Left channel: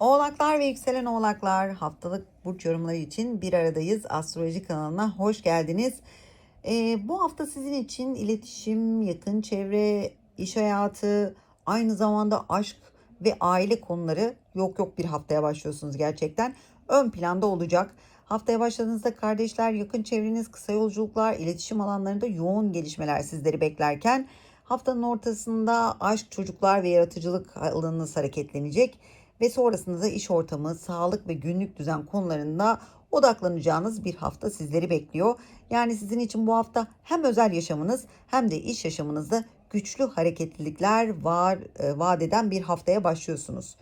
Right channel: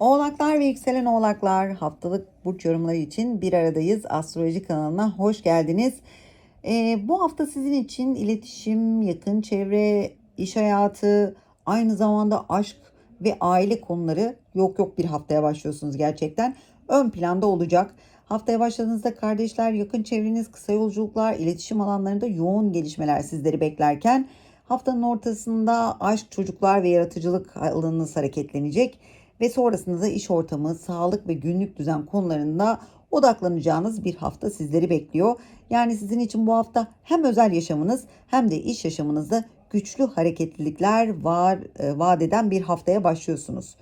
Oğlaklar ve yükselen oğlaklar haftalık burç yorumları için bir aradayız. Astroloji kanalına hoş geldiniz. Ee, bu hafta sizin için iletişim, yakın çevre, iş hayatı, aynı zamanda aşk ve aile konuları yok yok bir haftaya başlıyorsunuz gerçekten. Ön planda olacak. Haftaya başladığınızda kardeşler, yakın çevreniz, kısa yolculuklar, iletişim alanlarında yoğun gelişmeler sizleri beklerken haftanın ortasında aşk, çocuklar ve yaratıcılık alanınız hareketlenecek ve sonrasında da iş ortamı, sağlık ve günlük düzen konularında odaklanacağınız bir hafta sizleri bekliyor. Yani sizin için bu hafta hem özel yaşamınız hem de iş yaşamınızda güçlü hareketlilikler var e, vaat eden bir haftaya başlıyorsunuz.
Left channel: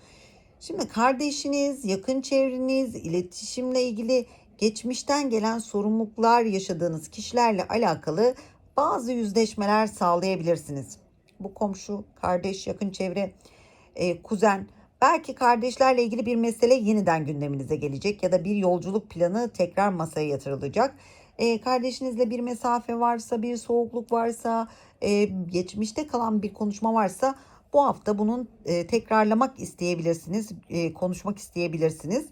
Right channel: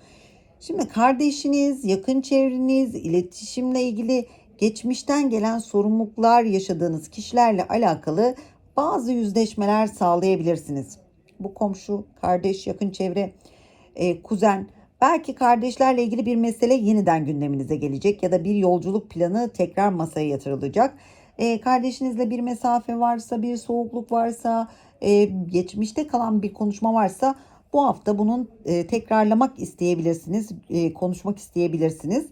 Şimdi kardeşiniz, yakın çevreniz, iletişimle ilgili geçmişten gelen sorumluluklar yaşadığınız kişilerle alakalı bazı yüzleşmeler sağlayabilirsiniz. Bu komşu, kardeş, yakın çevre, e, kuzen, belki kardeşlerle ilgili bir mesele yeniden gündeminize gelecek ya da bir yolculuk planı tekrar masaya yatırılacak. E, kardeşinizle bir mesafe varsa, bir soğukluk varsa, e, geçmişte kalan bir konuşma varsa bu hafta bunun e, tekrarlamak isteyebilirsiniz, e, konuşmak isteyebilirsiniz.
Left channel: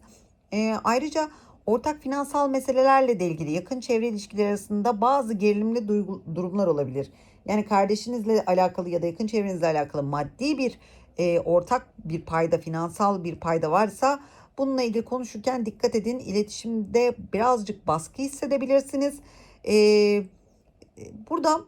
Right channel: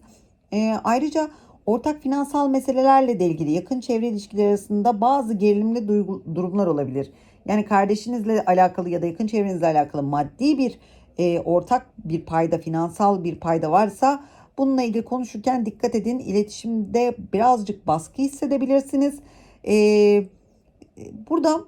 E, ayrıca ortak finansal meselelerle de ilgili yakın çevre ilişkileri arasında bazı gerilimli duygu, durumlar olabilir. Yani kardeşinizle alakalı ya da yakın çevrenizle alakalı maddi bir e, ortak bir payda, finansal bir payda varsa bununla ilgili konuşurken dikkat edin. İletişimde birazcık baskı hissedebilirsiniz. E, burada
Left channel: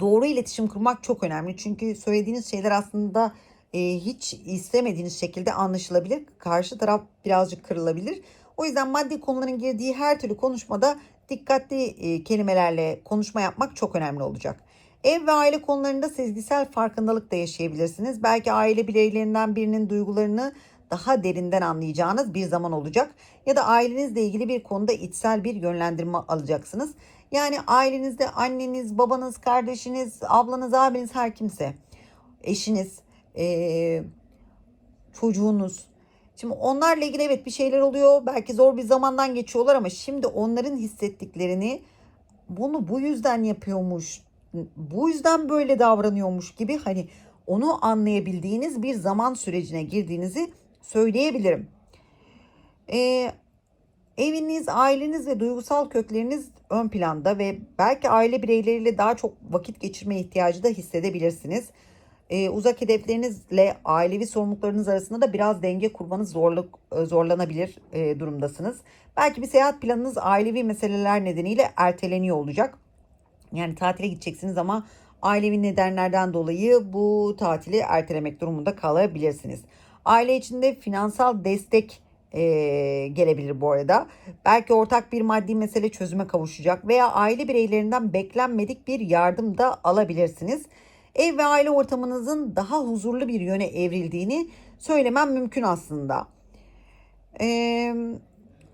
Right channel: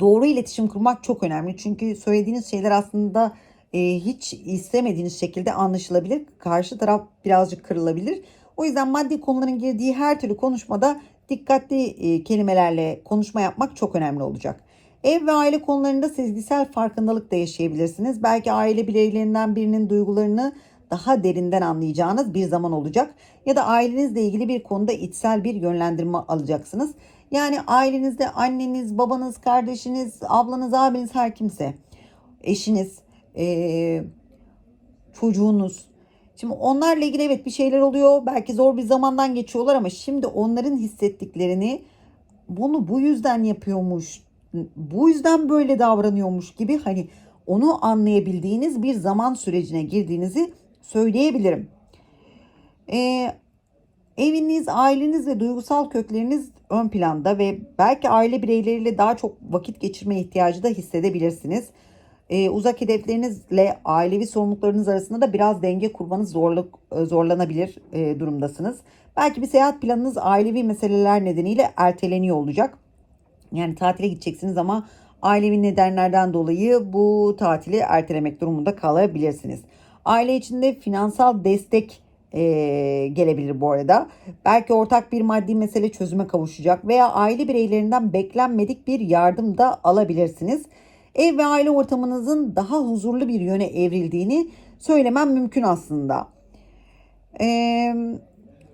doğru iletişim kurmak çok önemli. Çünkü söylediğiniz şeyler aslında e, hiç istemediğiniz şekilde anlaşılabilir. Karşı taraf birazcık kırılabilir. O yüzden maddi konuların girdiği her türlü konuşmada dikkatli e, kelimelerle konuşma yapmak çok önemli olacak. Ev ve aile konularında sezgisel farkındalık da yaşayabilirsiniz. Belki aile bireylerinden birinin duygularını daha derinden anlayacağınız bir zaman olacak. Ya da ailenizle ilgili bir konuda içsel bir yönlendirme alacaksınız. Yani ailenizde anneniz, babanız, kardeşiniz, ablanız, abiniz her kimse, eşiniz, ee, çocuğunuz. Şimdi onlarla ilgili evet bir şeyler oluyor. Belki zor bir zamandan geçiyorlar ama şimdi onların hissettiklerini bunu bu yüzden yapıyormuş, bu yüzden böyle davranıyormuş gibi hani onu anlayabildiğiniz bir zaman sürecine girdiğinizi söyleyebilirim. Ee, eviniz, aileniz ve duygusal kökleriniz ön planda ve belki aile bireyleriyle daha çok vakit geçirme ihtiyacı da hissedebilirsiniz. Ee, uzak hedeflerinizle ailevi sorumluluklarınız arasında da biraz denge kurmanız zorluk zorlanabilir e, durumdasınız. Belki bir seyahat planınız ailevi meseleler nedeniyle erteleniyor olacak. Yani tatile gideceksiniz ama ailevi nedenlerden dolayı bu tatili ertelemek durumunda kalabilirsiniz. Aile içinde finansal destek e, gelebilir bu arada. Belki ortak bir maddi mesele çözüme kavuşacak veya aile bireylerinden beklenmedik bir yardım da alabilirsiniz. Ev ve aile ortamınızın daha huzurlu bir yöne evrildiğini söylemem mümkün aslında. Eee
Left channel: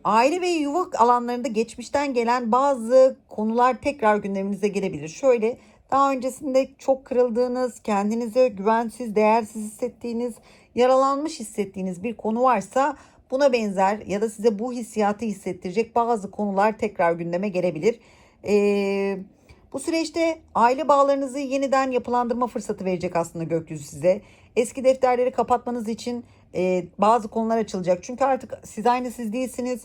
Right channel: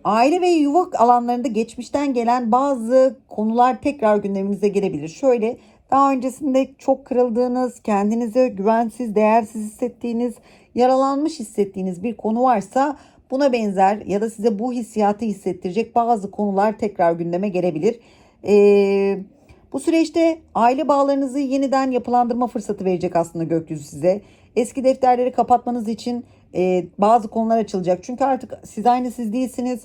Aile ve yuva alanlarında geçmişten gelen bazı konular tekrar gündeminize gelebilir. Şöyle daha öncesinde çok kırıldığınız, kendinize güvensiz, değersiz hissettiğiniz, yaralanmış hissettiğiniz bir konu varsa buna benzer ya da size bu hissiyatı hissettirecek bazı konular tekrar gündeme gelebilir. Ee, bu süreçte aile bağlarınızı yeniden yapılandırma fırsatı verecek aslında gökyüzü size. Eski defterleri kapatmanız için e, bazı konular açılacak. Çünkü artık siz aynı siz değilsiniz.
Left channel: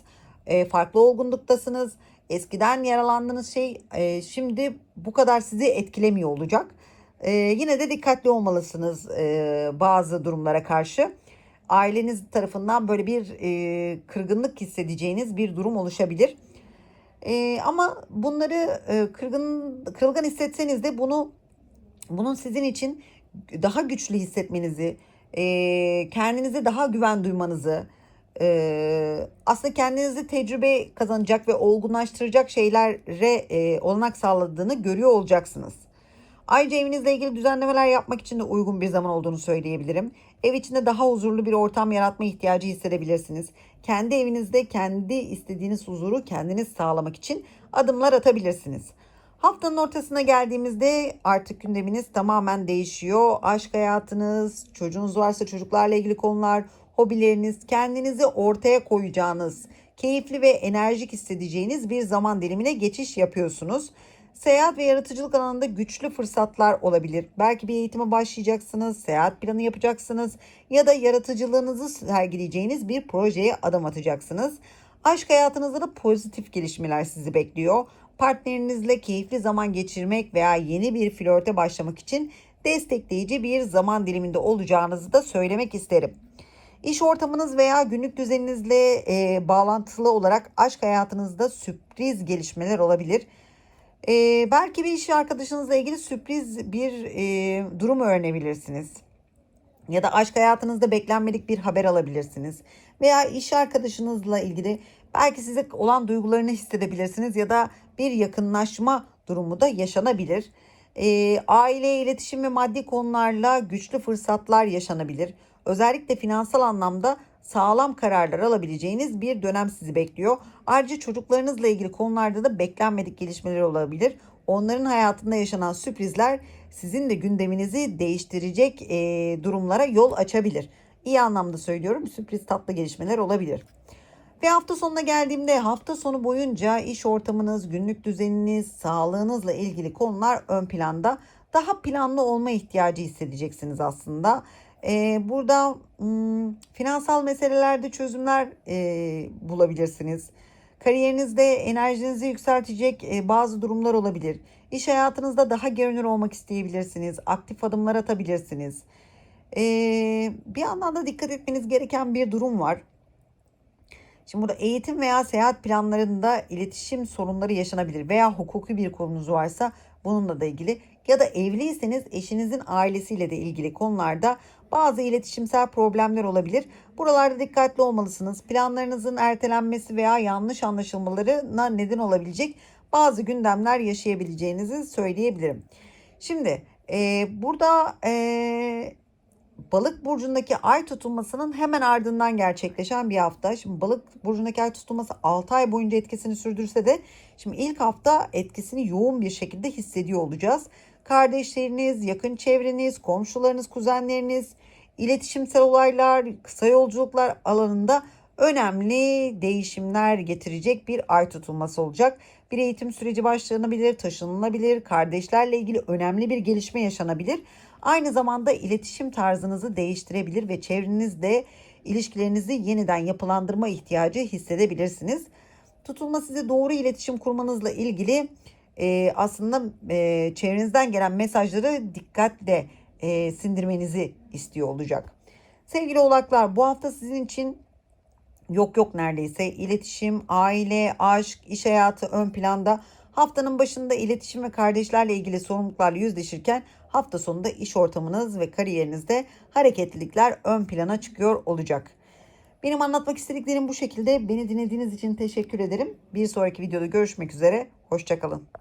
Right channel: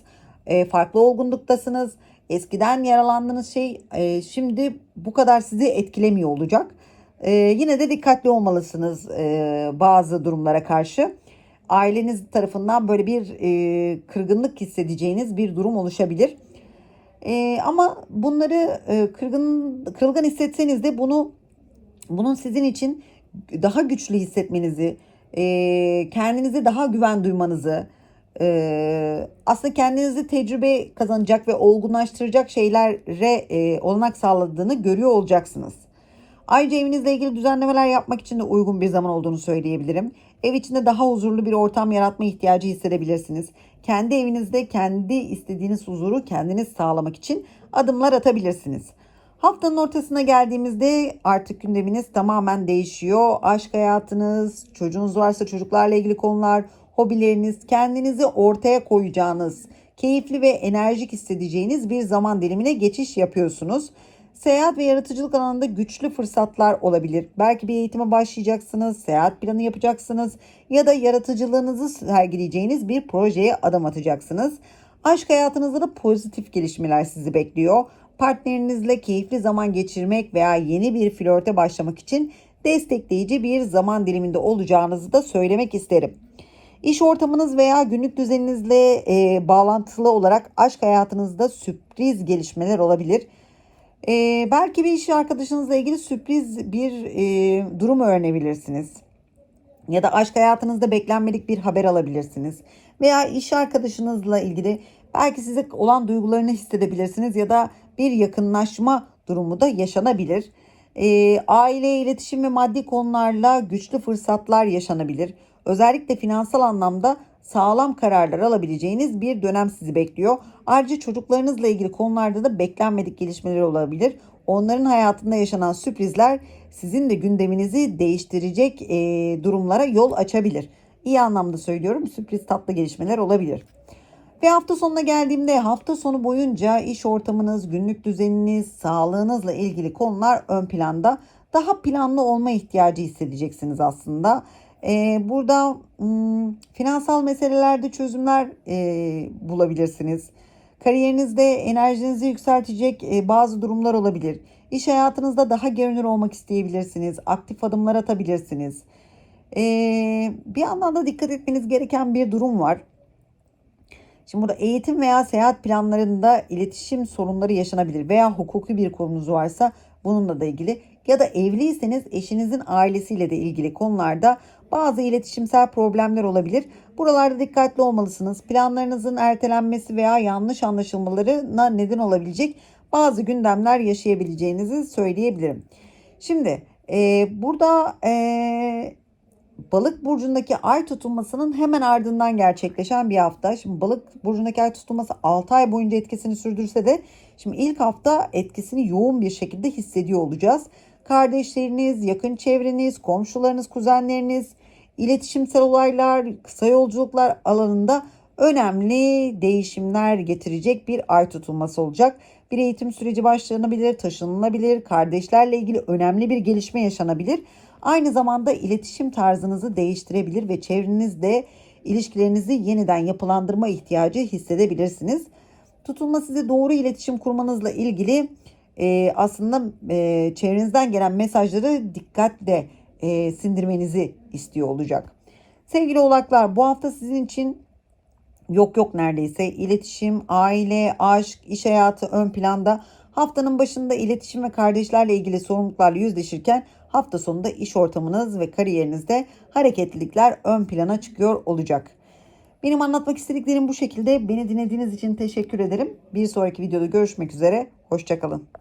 E, farklı olgunluktasınız. Eskiden yaralandığınız şey e, şimdi bu kadar sizi etkilemiyor olacak. E, yine de dikkatli olmalısınız e, bazı durumlara karşı. Aileniz tarafından böyle bir e, kırgınlık hissedeceğiniz bir durum oluşabilir. E, ama bunları e, kırgın kırılgan hissetseniz de bunu bunun sizin için daha güçlü hissetmenizi, e, kendinize daha güven duymanızı, e, aslında kendinizi tecrübe kazanacak ve olgunlaştıracak şeylere e, olanak sağladığını görüyor olacaksınız. Ayrıca evinizle ilgili düzenlemeler yapmak için de uygun bir zaman olduğunu söyleyebilirim. Ev içinde daha huzurlu bir ortam yaratma ihtiyacı hissedebilirsiniz. Kendi evinizde kendi istediğiniz huzuru kendiniz sağlamak için adımlar atabilirsiniz. Haftanın ortasına geldiğimizde artık gündeminiz tamamen değişiyor. Aşk hayatınız, çocuğunuz varsa çocuklarla ilgili konular, hobileriniz, kendinizi ortaya koyacağınız, keyifli ve enerjik hissedeceğiniz bir zaman dilimine geçiş yapıyorsunuz. Seyahat ve yaratıcılık alanında güçlü fırsatlar olabilir. Belki bir eğitime başlayacaksınız, seyahat planı yapacaksınız ya da yaratıcılığınızı sergileyeceğiniz bir projeye adım atacaksınız. Aşk hayatınızda da pozitif gelişmeler sizi bekliyor. Partnerinizle keyifli zaman geçirmek veya yeni bir flörte başlamak için destekleyici bir zaman diliminde olacağınızı da söylemek isterim. İş ortamınız veya günlük düzeninizle e, bağlantılı olarak aşk hayatınızda sürpriz gelişmeler olabilir. E, belki bir iş arkadaşınızla ilgili sürpriz bir e, durum öğrenebilirsiniz. Ya da aşk hayatınızda beklenmedik bir haber alabilirsiniz. Veya iş arkadaşınızla ilgili belki size olan duygularını hissedebilirsiniz ya da bir yakınlaşma durumu da yaşanabilir. E, aile, iletişim ve maddi konularla güçlü fırsatlar yaşanabilir. Özellikle finansal anlamda sağlam kararlar alabileceğiniz bir dönem sizi bekliyor. Ayrıca çocuklarınızla ilgili konularda da beklenmedik gelişmeler olabilir. Onların hayatında yaşanan sürprizler sizin de gündeminizi değiştirecek e, durumlara yol açabilir. İyi anlamda söylüyorum sürpriz tatlı gelişmeler olabilir. Ve hafta sonuna geldiğimde hafta sonu boyunca iş ortamınız, günlük düzeniniz, sağlığınızla ilgili konular ön planda. Daha planlı olma ihtiyacı hissedeceksiniz aslında. Ee, burada hmm, finansal meselelerde çözümler e, bulabilirsiniz. Kariyerinizde enerjinizi yükseltecek e, bazı durumlar olabilir. İş hayatınızda daha görünür olmak isteyebilirsiniz. Aktif adımlar atabilirsiniz. Ee, bir yandan da dikkat etmeniz gereken bir durum var. Şimdi burada eğitim veya seyahat planlarında iletişim sorunları yaşanabilir veya hukuki bir konunuz varsa bununla da ilgili ya da evliyseniz eşinizin ailesiyle de ilgili konularda bazı iletişimsel problemler olabilir. Buralarda dikkatli olmalısınız. Planlarınızın ertelenmesi veya yanlış anlaşılmalarına neden olabilecek bazı gündemler yaşayabileceğinizi söyleyebilirim. Şimdi e, burada e, balık burcundaki ay tutulmasının hemen ardından gerçekleşen bir hafta. Şimdi balık burcundaki ay tutulması 6 ay boyunca etkisini sürdürse de şimdi ilk hafta etkisini yoğun bir şekilde hissediyor olacağız. Kardeşleriniz, yakın çevreniz, komşularınız, kuzenleriniz, iletişimsel olaylar, kısa yolculuklar alanında önemli değişimler getirecek bir ay tutulması olacak. Bir eğitim süreci başlanabilir, taşınılabilir, kardeşlerle ilgili önemli bir gelişme yaşanabilir. Aynı zamanda iletişim tarzınızı değiştirebilir ve çevrenizde ilişkilerinizi yeniden yapılandırma ihtiyacı hissedebilirsiniz. Tutulma size doğru iletişim kurmanızla ilgili e, aslında e, çevrenizden gelen mesajları dikkatle e, sindirmenizi istiyor olacak. Sevgili oğlaklar bu hafta sizin için yok yok neredeyse iletişim, aile, aşk, iş hayatı ön planda. Haftanın başında iletişim ve kardeşlerle ilgili sorumluluklarla yüzleşirken hafta sonunda iş ortamınız ve kariyerinizde hareketlilikler ön plana çıkıyor olacak. Benim anlatmak istediklerim bu şekilde. Beni dinlediğiniz için teşekkür ederim. Bir sonraki videoda görüşmek üzere. Hoşçakalın.